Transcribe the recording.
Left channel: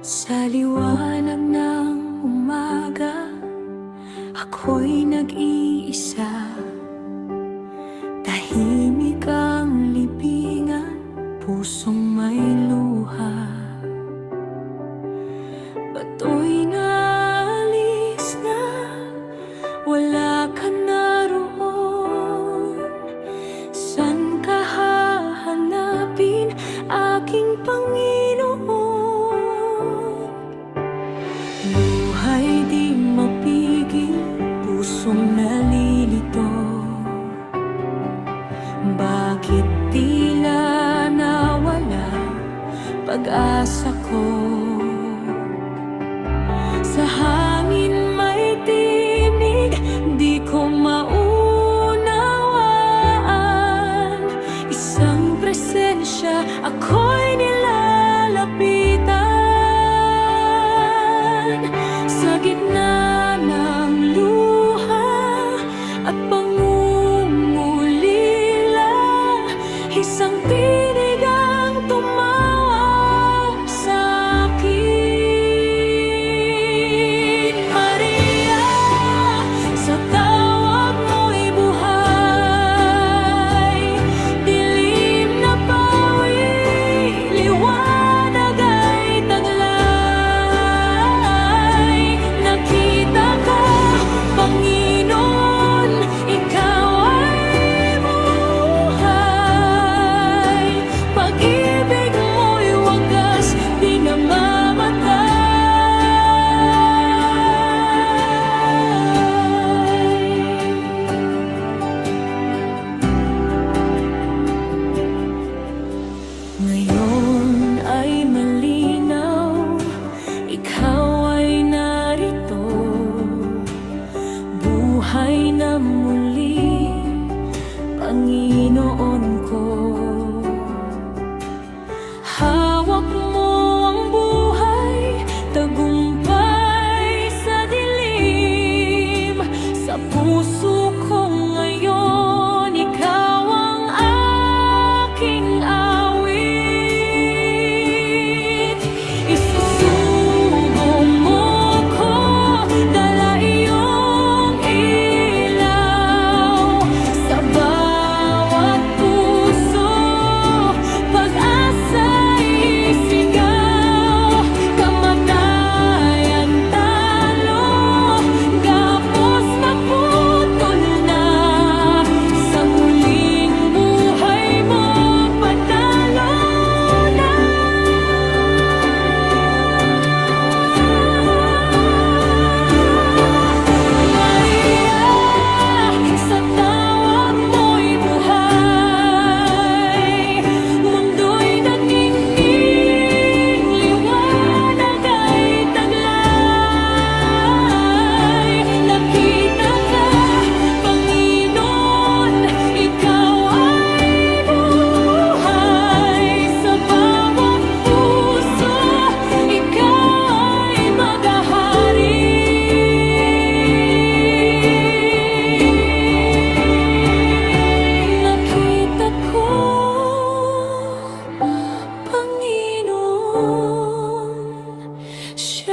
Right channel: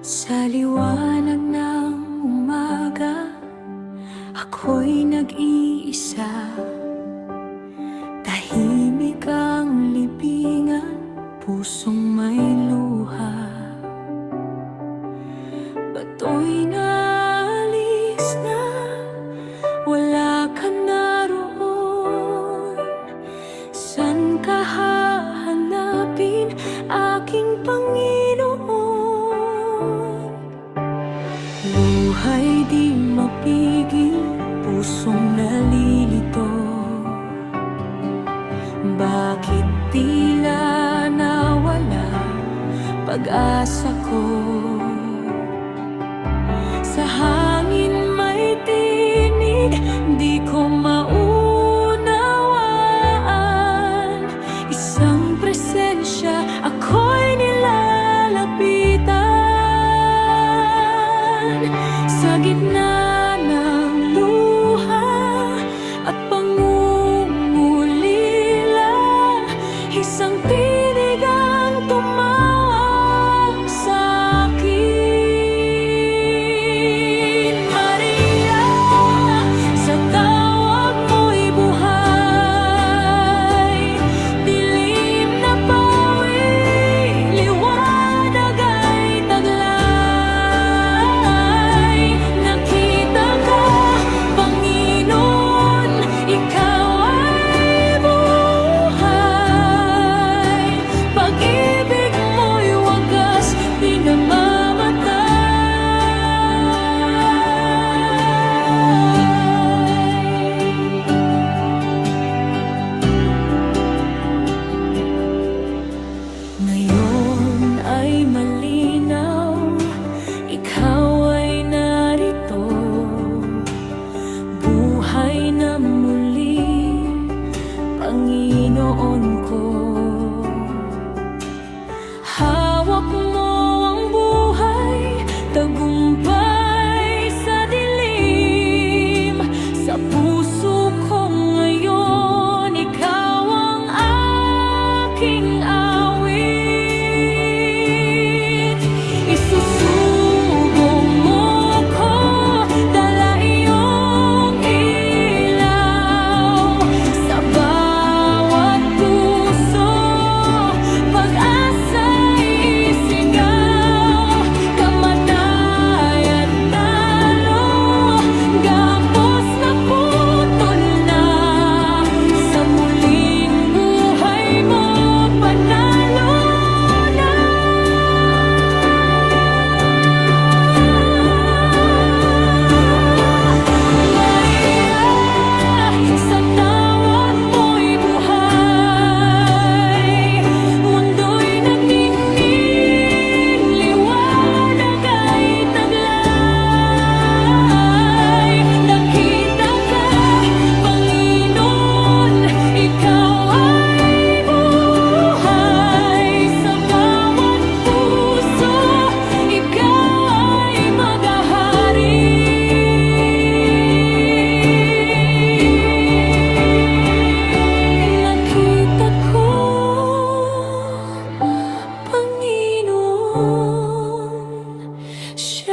Sa liwanag ng umaga, ako'y nag-iisa. Tahimik ang libingan, pusong may luha. Bato'y naalis na, wala ka na roon. San ka hahanapin, aking Panginoon? Luha'y di mapigil, pusong nalilito. Bakit tila nawala pag-asa ko? Sa hangin may tinig, di ko maunawaan. Isang presensya, ako'y nilalapitan. Sa gitna ng luha at pangungulila, isang tinig ang tumawag sa'kin. Maria, sa tawag mo'y buhay. Dilim na pawi, liwanag ay taglay. Nakita ka, Panginoon, ikaw ay buhay. Pag-ibig mo'y wagas, di namamatay. Ngayon ay malinaw, ikaw ay narito. Buhay na muli, Panginoon ko. Hawak mo ang buhay, tagumpay sa dilim. Sa puso ko ngayon, ikaw ang aking awit. Isusubo mo ko, dala iyong ilaw. Sa bawat puso, pag-asa'y isigaw. Kamatayan talo, gapos na putol na. Sa muling buhay mo, panalo na. Maria, sa tawag mo'y buhay. Mundo'y nagningning, liwanag ay taglay. Nakita ka, Panginoon, ikaw ay buhay. Sa bawat puso, ikaw ay maghahari. Nakita ko, Panginoon, siya